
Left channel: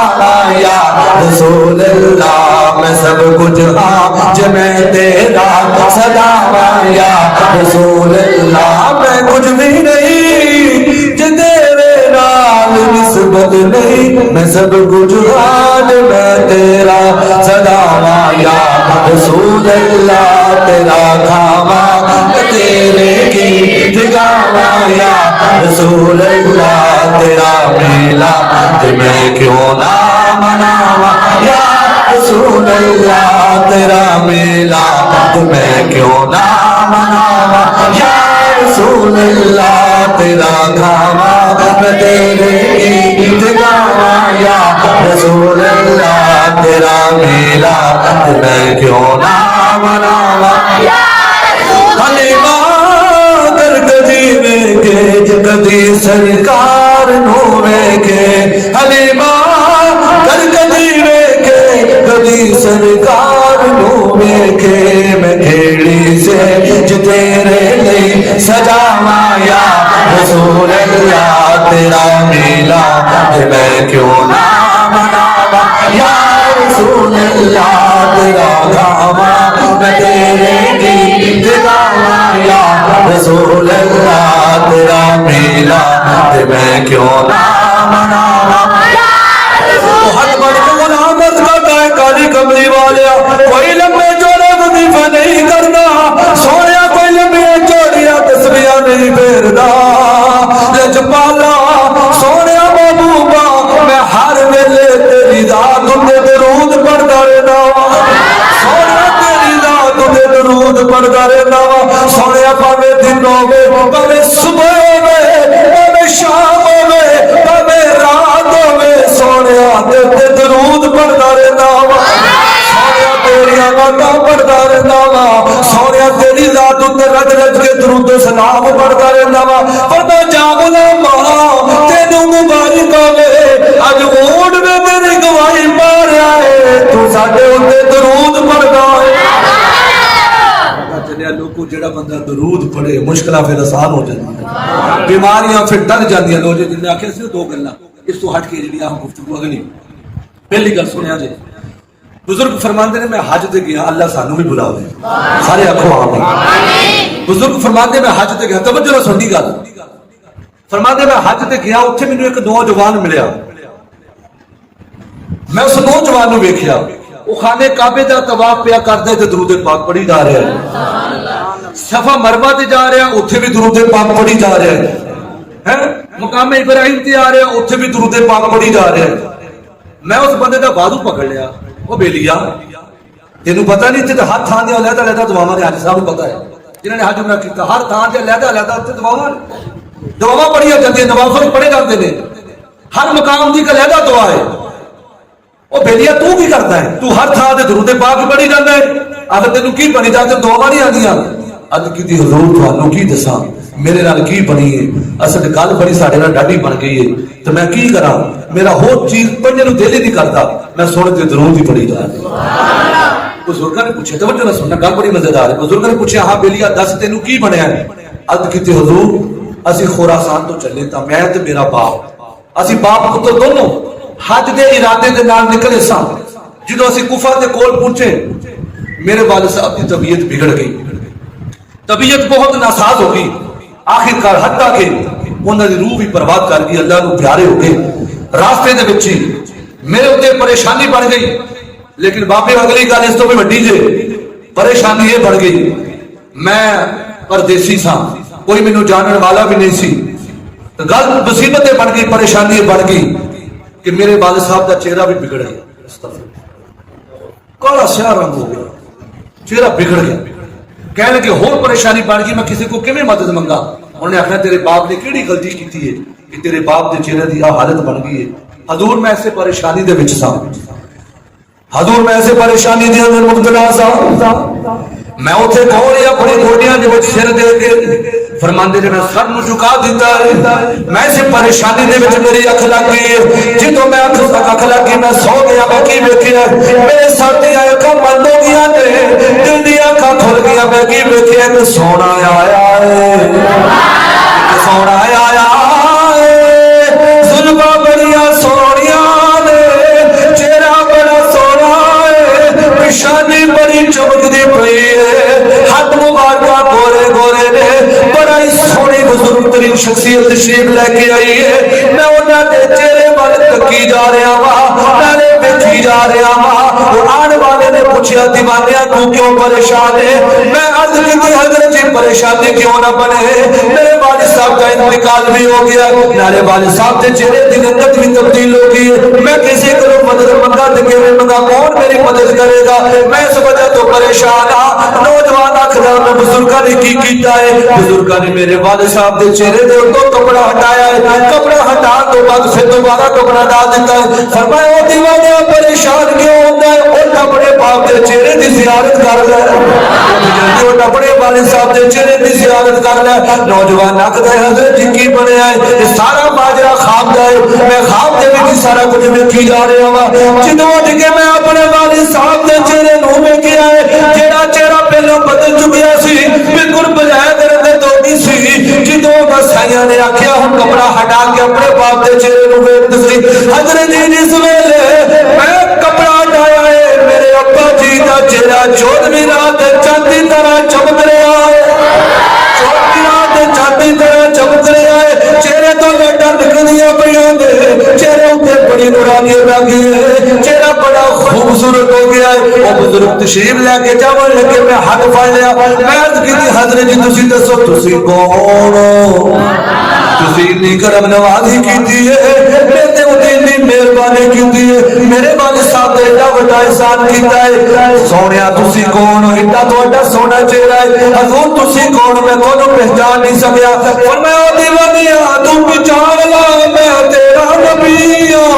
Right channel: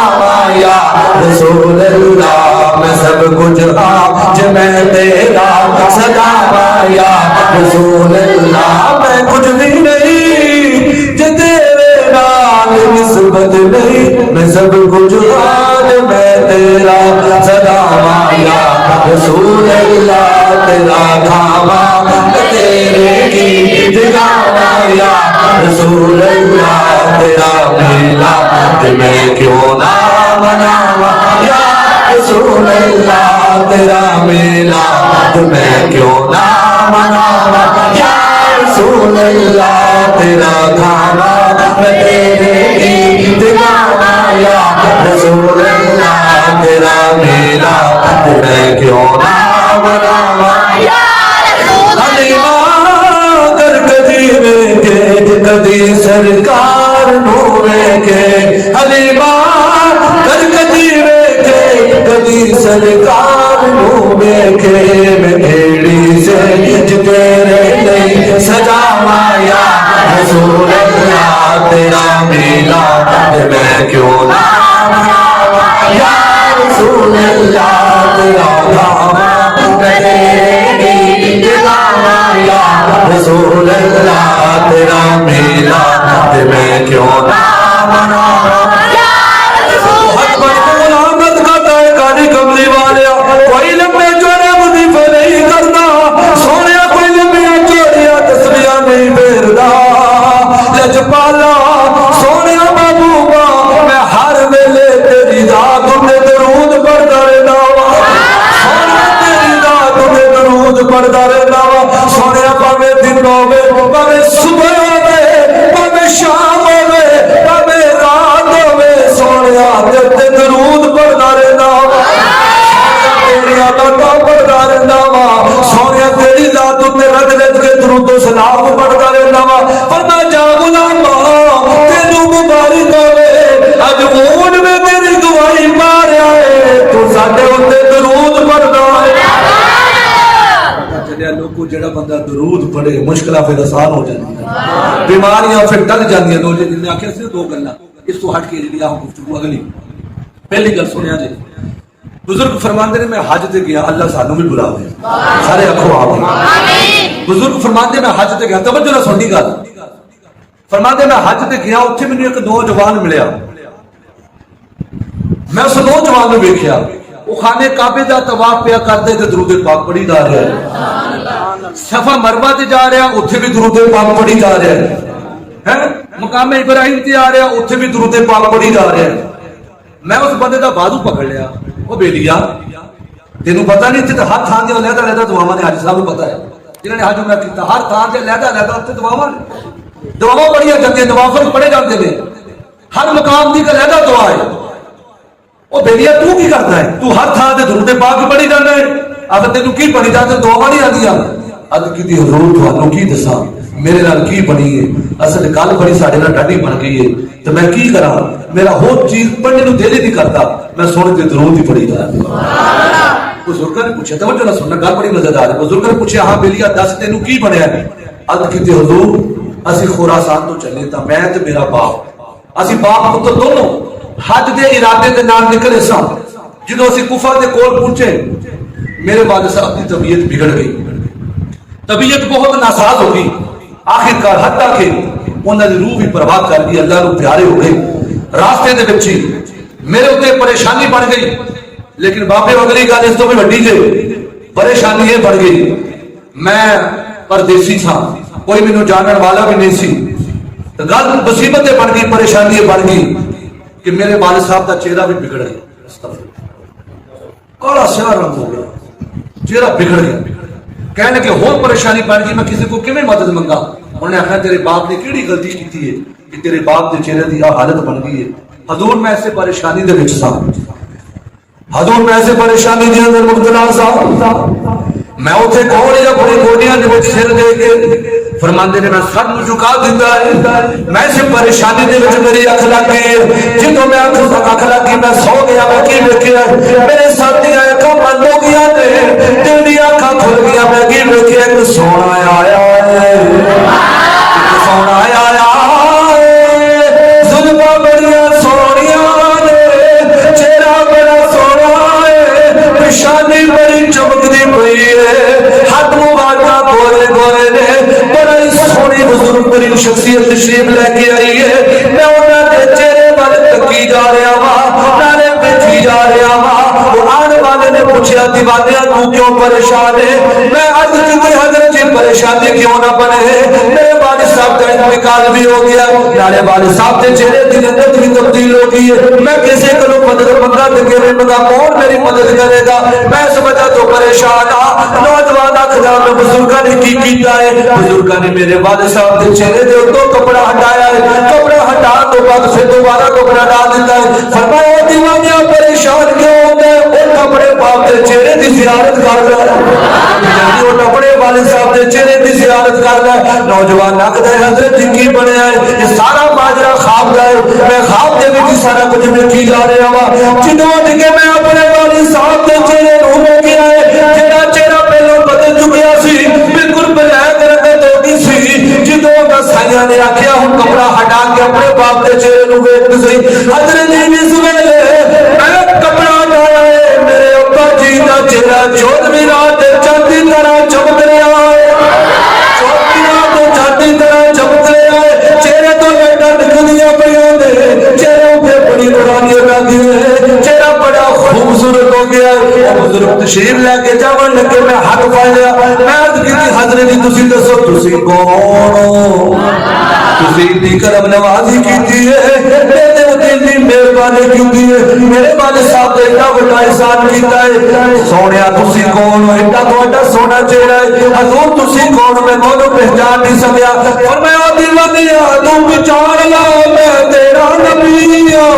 या रसूल अल्लाह मैं सब कुछ हाँ जो मैं तेरा सदा या रसूल अल्लाह मैं कुछ भी नहीं जो तेरे नाल निस्बत नहीं मैं सब कुछ हाल मैं तेरा सदा या रसूल अल्लाह तेरा खावा तेरे की जगावा या रसूल अल्लाह तेरा मेला मैं क्यों ना मनावा या रसूल अल्लाह तेरा मेला मैं क्यों ना मनावा या रसूल अल्लाह तेरा खावा मैं तेरे की जगावा या रसूल अल्लाह तेरा मेला मैं क्यों ना मनावा हलीमा कर कदी वेखे कदी सरकार नू वेखे हलीमा कर कदी वेखे कदी सरकार नू वेखे मैं भेड़ी से तेरे नहीं सजावा या रसूल अल्लाह तेरा मेला मैं क्यों ना मनावा या रसूल अल्लाह तेरा खावा मैं तेरे गीत गावा या रसूल अल्लाह तेरा मेला मैं क्यों ना मनावा काली कमली वाले कोई लंबे जोड़े वजीफे नहीं करता सोने कोई लंबिया चोड़िया तस्वीर नहीं फेरदा लजपाला सोने महबूबा मैं हर वेले तेरी रात में दरूद पढ़ता रहना सोने तेरी रात में दरूद पढ़ता रहना सोने भावे दिन होवे भावे सुबह होवे भावे शाम होवे भावे रात होवे सोने ते दरूद पढ़ता रहना पढ़ता रहना वा सोनिया तेरी रात में रज रज के दरूद सलाम पढ़ता रहना वा पर मैं जागदा मां तेनू मुबारक होवे अज ऊंट में तेरी गवाही पा रहा है तू साडे उत्ते दरूद पढ़दा है पता चलिया लोगों जेड़ा बंदा दरूद पढ़े मुश्किलां फिर आसान हो जांदियां बीमारियां फिर टल जांदियां लोग जिन्ने आखिया सिर्फ दो गल्लां इस तो हट के जेड़ी आ गुफ्तगू अगली पहली गल सुनिया जी बुजुर्ग फरमाते ने मैं हज ते गया अल्लाह सानू भी बुलावे सारे आखो आमीन बुजुर्ग फरमाते मैं हज ते गया तवज्जो ना सुननी गल फरमाते मैं हज ते गया उत्थे मैनू एक नौजवान मिलिया मैं उस नौजवान नू वेखिया वो खाने काबे दा तवाफ पिया करदे ते दरूद पाक पढ़ी जा रहा है सफा मरवा ते जा रहा उत्थे भी दरूद पाक पढ़ी जा रहा है मुकाम इब्राहिम ते आ रहा उत्थे भी दरूद पाक पढ़ी जा रहा है मैं उस बंदे का बाजू पकड़ लिया वो बेलिया तेन पता नहीं इतने हर थान से अलहदा अलहदा दुआवां ने हाजी साहब को पता है जिन्होंने हज उमरा किया हर थान से अलहदा अलहदा उत्ते दुआवां पढ़िया जाती नवाफल पढ़े जाते हैं हर मकाम की एक अलहदा दुआ है वो बेलिया तू की करता है तू हर थान से दरूद पाक पढ़ी जाता है अगर तेन की पढ़ी जाते दुआवां नहीं आदियां अज की हजूर थानू की दसा मेरे नाल की बनी है असल गल बड़ी साडे नाल डाढी बन गई है तो मैं की करा मेरा हो चीज पढ़ने को दिल ही नहीं करता मैं सुन के जरूर ही पढ़ी जा बुजुर्गों ने पूछा तवज्जो ना सुनना गल बड़ी मजेदार है बुजुर्गों ने पूछा हाँ बेलिया दस तेनू की बनया अद की हजूर असी खुरासान तो चले तो मैं ते मेरा बाप असी बाप पुत्र दोनों हज के इरादे के नाल निकले सा जो असी कुफा के कोल पहुंचे मेरे वाले साहब की तबीयत बिगड़ गई तबीयत बहुत नासाज हो गई आखिरकार हत्ता के उन्होंने रूह भी बर्बाद कर दी अल्लाह को प्यारे हो गए रास्ते दे विच मेरे उत्ते परेशानी बन गई लेकिन बापे अगली गल इस तो भी वड्डी जे परेशानी ये बढ़ गई मैं परदेसी सा कोई मैनू जानने वाला भी नहीं सी तो गल मुसीबतें बन गई परेशानी बन गई कि मेरे वाले साहब का चेहरा भी बिगड़ गया काला स्याह रंग हो गया चेहरा बिगड़ गया कहने लगे होर परेशानी बन गई मैं किसी को किवें मदद मंगा उन्होंने आखना तेरे बाप ने केड़ी गलती की है कि तेरे बाप के चेहरे की हालत बन गई है हजूर मैं इस परेशानी दे विच सा हजूर मैं ऐसे परेशानी दी अंदर मुब्तला सा, मैं उसे कौन या अपनी गोडियां दे विच सिर दे के फरमांदे ने मैं सर नूं झुका दिता है। मैं ऐसे परेशानी दे विच मेरी अख लग गई है, जिदों मैं अख लग गई मैं सौ गया, मैं की वेखिया मेरे सर दी अखां बंद हो गई ने, दिल दी अखां खुल गई, मैं की वेखिया एक सोना आया है, सोना आया जुल्फां बड़ियां सोहणियां ने, चेहरा बड़ा सोहना है, पेशानी बड़ी चमकदी पई है, हाथ मुबारक गोरे गोरे ने, बड़ा ही सोहनी बुजुर्ग तरीन शख्सियत तशरीफ लेके आई है। मैं उन्होंने चेहरे वाल तकी जा रहा वा, नाले देखी जा रहा वा। कुरान वाले ने पूछा दीवानिया तू क्यों परेशान है? मैं अर्ज की हजरत जी परेशानी क्यों ना बने, मेरे वालिद साहब का इंतकाल भी हो गया, नाले वालिद साहब के चेहरे की रंगत भी तब्दील हो गई है। मैं किसी को मदद मंगा तो किसी मंगा, कौन मेरी मदद करेगा? मैं इस वजह तो परेशान हाँ। नौजवान आखदा मैं बुजुर्गों ने की किया है, बुजुर्गों ने मेरे वालिद साहब के चेहरे के उत्तों कपड़ा हटाया है, कपड़ा हटा तो बाद फिर दोबारा कपड़ा डाल दिता है। फरमाया दीवानिया परेशान क्यों होता है? वो कपड़े बाप के चेहरे की जियारत कर ले, वो कपड़े वाले साहब के चेहरे की जियारत कर ले। नौजवान आखदा हजरत जी की बनया है, ये सारा माजरा ख्वाब का है, मैं ख्वाब दे विच सारा कुछ वेखी जा रहा वा। जिदों उठ के मैं अपने वालिद साहब के चेहरे नूं वेखिया है, जेड़ा चेहरा पहलों बदल चुकिया सी, बिल्कुल ब्लैक रंग धोती सी, जिदों साइयां ने आख्या हुण कपड़ा हटा के अपने बाप के चेहरे नूं वेख तुसी। हजरत जी इस वेले मैं कपड़ा हटाया है, मेरे अब्बा जी का चेहरा 14वीं रात चांदी तरह चमक रहा है, 14वीं रात चांदी तरह चमक रहा है। चेहरे तो लाइटां निकलदियां पईयां ने, चेहरे उत्ते बड़ी नूरानी लग गई है, चेहरा बड़ा खूबसूरत हो गया है। वो बुजुर्ग तशरीफ लेके जावन लगे, मैं हाथ फड़ लिया, मैं अर्ज की हजरत जी तुसी दसो तुसी कौन हो? तुसी इतनी करम नवाजी की है, मेरे उत्ते इतनी मेहरबानी की है, मेरे वालिद साहब ने एडा बड़ा एहसान किया है। सोनिया तुसी कौन हो? एडा तुहाडा सोना चेहरा है, हजूर तुसी कौन हो? मैं तुहानू पहचान नहीं सकिया। और मैं ओ दीवानिया तू पहचान ला, मैं तेरा नबी हूं,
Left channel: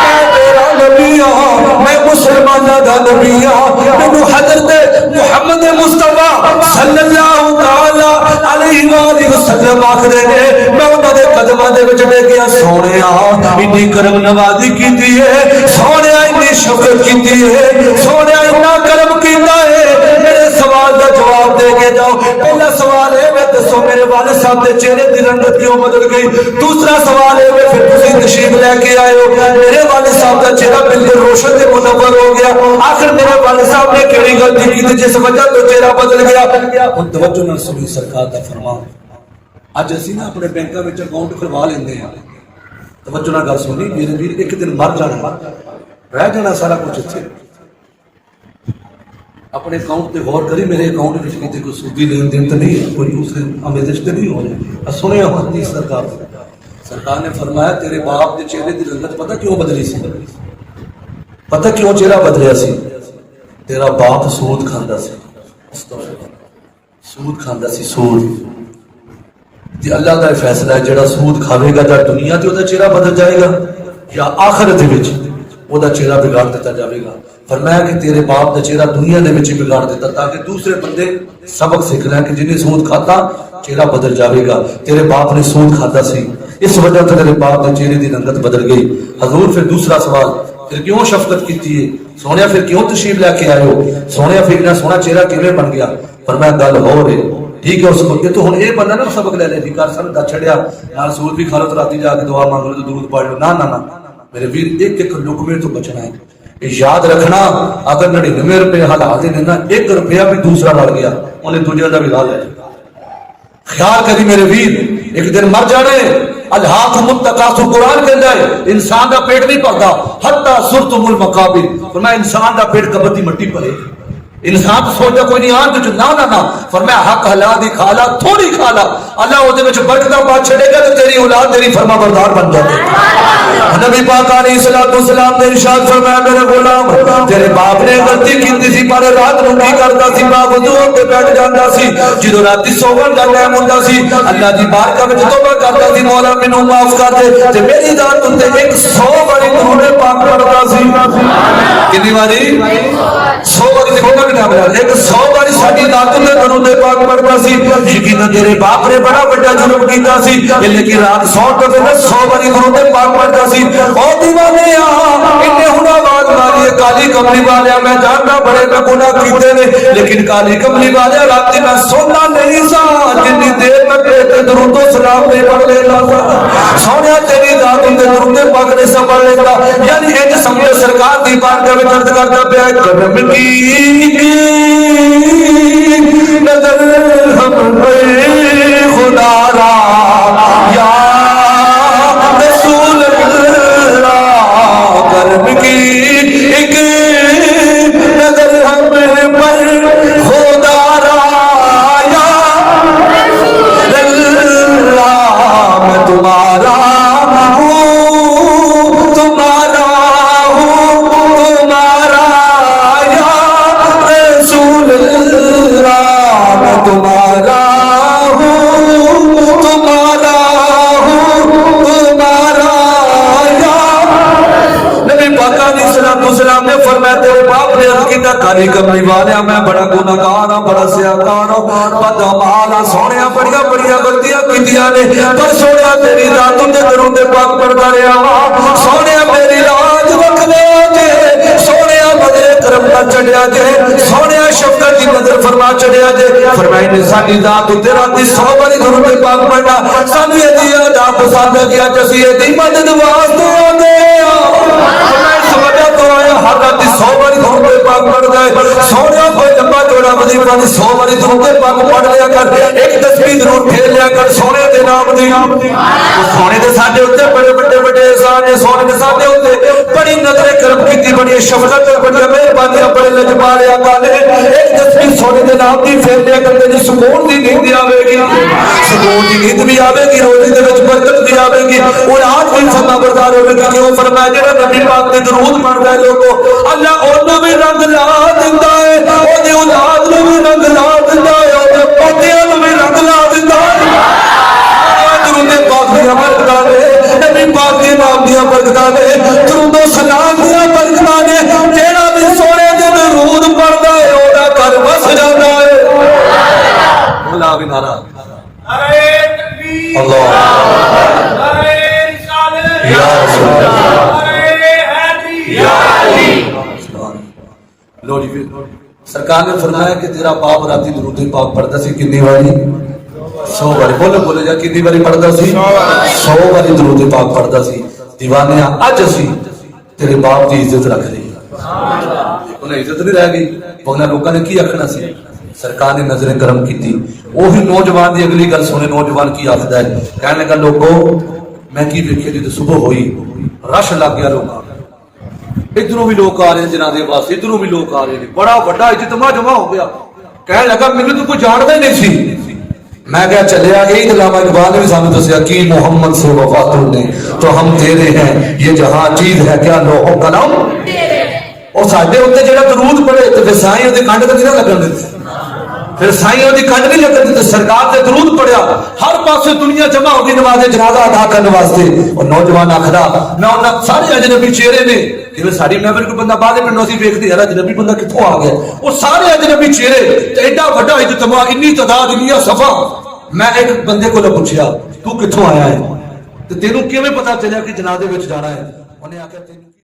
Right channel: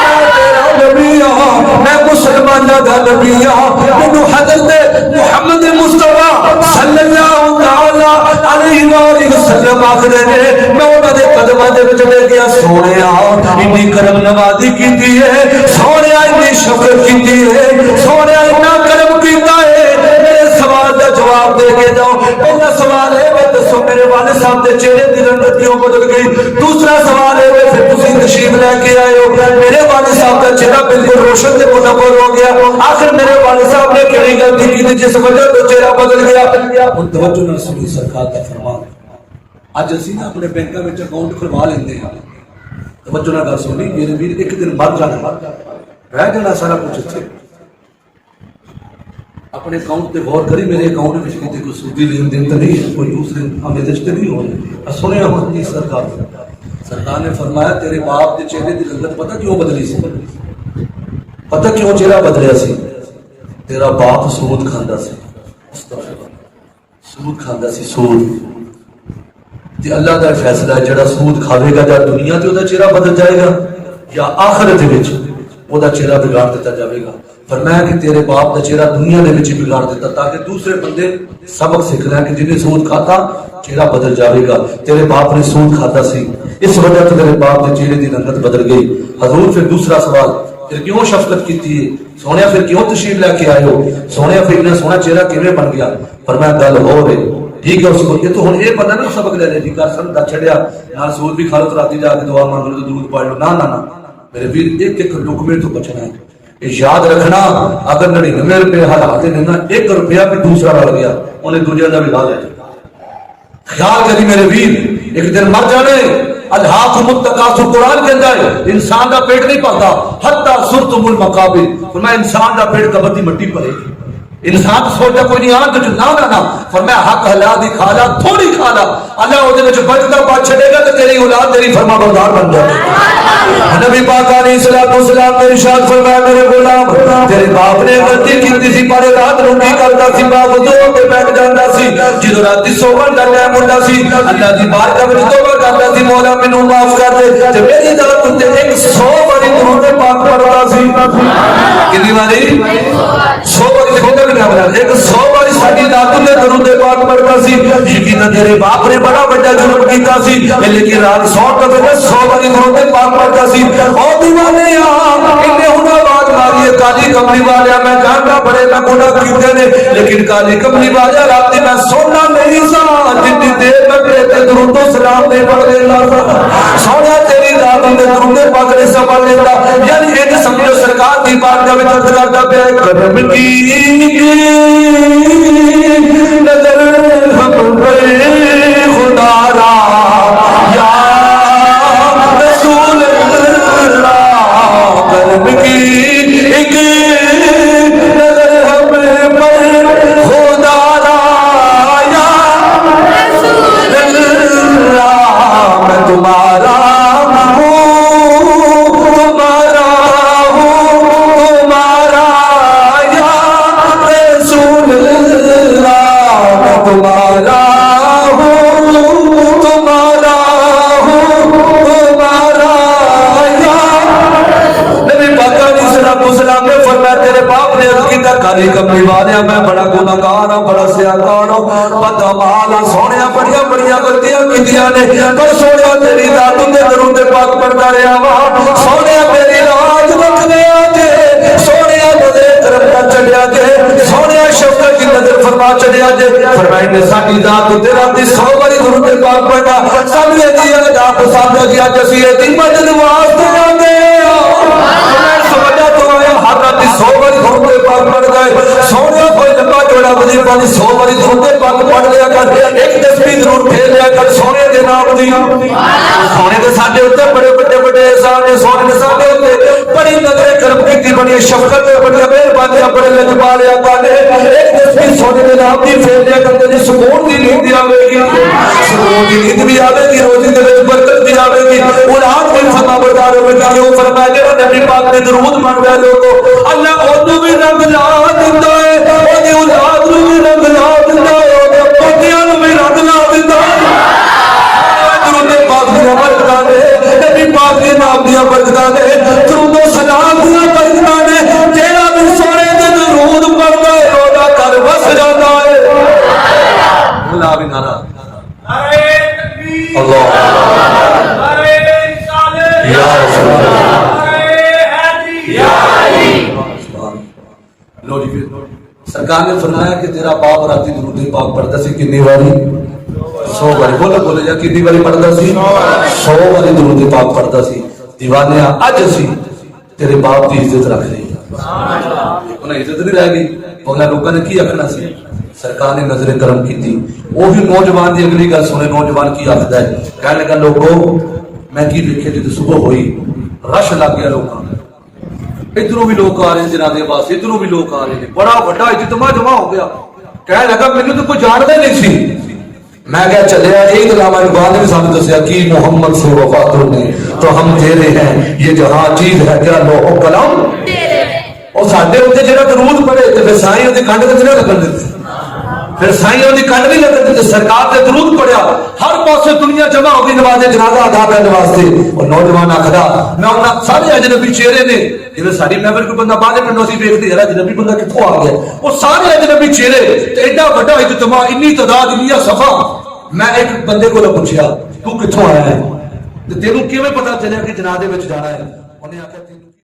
मैं तेरा नबी हूं, मैं मुसलमाना दा नबी हूं। मैनू हजरत मुहम्मद मुस्तफा सल्लल्लाहु तआला अलैहि वसल्लम आखदे ने, मैं उन्हां दे कदमां दे विच बैठ गया, सोनिया इन्नी करम नवाजी कीती है, सोनिया इन्नी शुक्र कीती है, सोनिया इन्ना करम कीता है। मेरे सवाल का जवाब दे के जाओ। पहला सवाल है मैं दसो मेरे वालिद साहब के चेहरे की रंगत क्यों बदल गई? दूसरा सवाल है फिर तुसी तशरीफ लेके आए हो, मेरे वालिद साहब का चेहरा बिल्कुल रोशन से मुनव्वर हो गया, आखिर मेरे वालिद साहब ने केड़ी गलती की जिस वजह तो चेहरा बदल गया? हुण तवज्जो नाल सुनी सरकार का फरमान। अज असीं ना अपने बैंकों में अकाउंट खुलवा लेंदे हां, तवज्जो नाल गल सुनी, मेरे वीर एक दिन मर जाना, रह जाना सारा कुछ उत्थे। अपने अकाउंट पे गौर करी, मेरे अकाउंट में किसी कोई सूदी लेन देन तो नहीं है, कोई दूसरे आमेदश तो नहीं हो रही। सुने हमारी सरकार ने फरमाया तेरे बाप के चेहरे की रंगत पता क्यों बदली सी? पता क्यों चेहरा बदलिया सी? तेरा बाप सूद खांदा सी, सूद खांदा सी, सूद। अल्लाह का फैसला है, जेड़ा सूद खावेगा या दुनिया ते ओदा चेहरा बदल जाएगा या आखिरत विच ओदा चेहरा बिगाड़ दिता जाएगा। फरमाया कि तेरे बाप का चेहरा दुनिया दे विच बिगाड़ दिता, ताकि दूसरे बंदे सबक सीख लें कि जिन्हें सूद खाता चेहरा बदल जाएगा। तेरे बाप ने सूद खाता सी, इस वजह से तेरे बाप के चेहरे की रंगत बदल गई। हजूर फिर दूसरा सवाल, फिर क्यों शफकत की है? सोनिया फिर क्यों तशरीफ लेके आए हो? सोनिया फिर इतना सोना चेहरा किवें बन गया? फरमाया गल हो रही ठीक है, उसको कि तू हुण ये बंदा ना सबक ले ले, कर सन दा छड़िया ना सूद भी खा लो तो राती जाके दुआ मांग लो तो दूध पा लो, ना ना ना मेरे वीर एक एक लुकमे तो बचना है। याद रखना, अगर 99 रुपए हालात देना, 1 रुपया भी दूसरा रह गया उन्हें दुनिया का भी ला लिया। ख्याल करी मेरे वीर, एक दिन मर जाने। अल्लाह मुत्तकासुर कुरान के अंदर इंसान का पेट नहीं भरता हत्ता सुरतुमुल मकाबिर, फरमाया इंसान का पेट कबर की मट्टी भरे। इंसान तो सोचता कोई नहीं आन तो ना ना ना, फरमाया हक हलाल दी खाला, थोड़ी खाला, अल्लाह ओदे विच बरकत पा छड़ेगा तो तेरी औलाद तेरी फरमाबरदार बन जाएगी। नबी पाक अलैहिस्सलातु वस्सलाम ने इरशाद फरमाया मेरे गुलाम तेरे बाप ने गलती की सी, पर रात नूं की करदा सी, बाप उदो के बैठ जांदा सी, ਜਦੋਂ राती सोवन दा टाइम हुंदा सी अल्लाह दी बारगाह विच तौबा करदा सी, मौला मैनूं माफ कर दे, ते मेरी जात उत्ते 100 बारी दुरूद पाक पढ़दा सी। कितनी बारी 100 बारी देखो कि ना एक 100 बारी साडी दादू ने दरूद पाक पढ़दा सी यकीन तेरे बाप ने बड़ा बड़ा जुर्म कीता सी लेकिन रात 100 दफे 100 बारी दरूद पाक पढ़दा सी ओ दीवाने इन्ने हुना बात मारी काली कमली वाले मैं जानदा बड़े ना गुनाह कीते ने लेकिन काली कमली वाले रात मैं सोना नहीं सा जितनी देर में तेरे दरूद सलाम नहीं पढ़ लेला सोना तेरी दादू ने दरूद पाक ने सब पढ़ लेता यानी इंज समझो सरकार दी बात का विच अर्ज करदा पिया कदम की नजर हम पे खुदारा या रसूल अल्लाह कदम की एक नजर हम पे खुदारा या रसूल अल्लाह मैं तुम्हारा काली कमली वाले मैं बड़ा गुनाहगार हूं बड़ा सियाकार हूं बदअमाल सोनिया बड़िया बड़िया गलतियां कीतियां ने पर सोनिया तेरी रात ने दरूद पाक पढ़दा रहा वा सोनिया मेरी लाज रख लिया जे सोनिया मदे करम का चढ़िया जे सोनिया शफकत की नजर फरमा चढ़िया जे फरमाई ने साडी दात ते रात 100 बारी दरूद पाक पढ़ा सानू एदी अदा पसंद हो गया जसी एदी मदद वास्ते आ गए मैं सवादा तो आया हर रात 100 बारी दरूद पाक पढ़दा है सोनिया भाई लंबा चौड़ा वजीफा 100 बारी दरूद पाक पढ़ लिया कर एक तस्बीह जरूर खेल लिया कर सोने दे नाम दी सोने दे साडे उत्ते बड़े बड़े बड़े एहसान ने सोने दे साडे उत्ते बड़ी नजर करम कीती बड़ी शफकत ते बड़ी मेहरबानी बड़े लजपाल आका ने एक तस्बीह सोने दे नाम दी फेर लिया करते जी सुकून दी नींद आवेगी सुकून दी नींद भी आवेगी रोजी दे विच बरकत भी आवेगी और आज भी फरमा बरदार होवेगी क्यों फरमाया जेड़ा नबी पाक दे दरूद पढ़दा है लोगो अल्लाह ओनू भी रंग ला दिंदा है ओदी औलाद नू भी रंग ला दिंदा है ओदे पोतियां नू भी रंग ला दिंदा है दरूद पाक दी बरकतां ने नबी पाक दे नाम दी बरकतां ने दरूद सलाम दी बरकतां ने जेड़ा भी सोने दे दरूद पढ़दा है ओदा घर बस जांदा है बोला भी नारा अरे तकबीर अल्लाह अरे रिसालत या रसूल अल्लाह अरे हैदरी या अली लो जी सरकार ने फरमाया कि तेरा बाप राती दरूद पाक पढ़दा सी कितनी बारी 100 बारी बोले बोले जा कितनी बारी पढ़दा सी 100 बारी दरूद पाक पढ़दा सी दीवाने अज असी तेरे बाप की इज्जत रख रही उन्हें इज्जत नहीं रह गई उन्हें लोगों ने की आखना सी सरकार ने नजर करम की ओही नौजवान की अगली गल सुने नौजवान की आखदा है कहने लगा लोगो मैं की वेखे जो सुबह हुई रश लग गया लोगों इधरों भी लोग आ रहे हैं जनाजे वास्ते इधरों भी लोग आ रहे हैं बड़ा बड़ा इज्तमा जमा हो गया कहने लगा मैंने तो कोई जानता ही नहीं सी मैं क्या चलिया एक अलावा इकबाल ने भी सामने दसिया कि मोहम्मद से वफातों ने तो हम तेरे हैं ये जहां चीज है क्या लोहो कलम और साडे उत्ते जेड़ा दरूद पढ़े ते फिर साईं ओदी कंड ते ना लगन दित्ती फिर साईं ओदी कंड नहीं लगन दित्ती सरकार ने दरूद पढ़िया हर पासे दुनिया जमा हो गई नमाज़े जनाजा अदा करने वास्ते और नौजवान आखदा मैं उन्हां सारे अजनबी चेहरे ने जिवें साडी महफिल कोई बंदा बाहर पिंडों सी वेखदे यार अजनबी बंदा कित्थों आ गया वो सारे अजनबी चेहरे ते एडा वड्डा इज्तमा इन्नी तादाद इन्नियां सफा मैं एक बंदे को पूछया तू कित्थों आया है ते तेनू किवें पता चलिया कि जनाजे विच जाना है उन्हें आख्या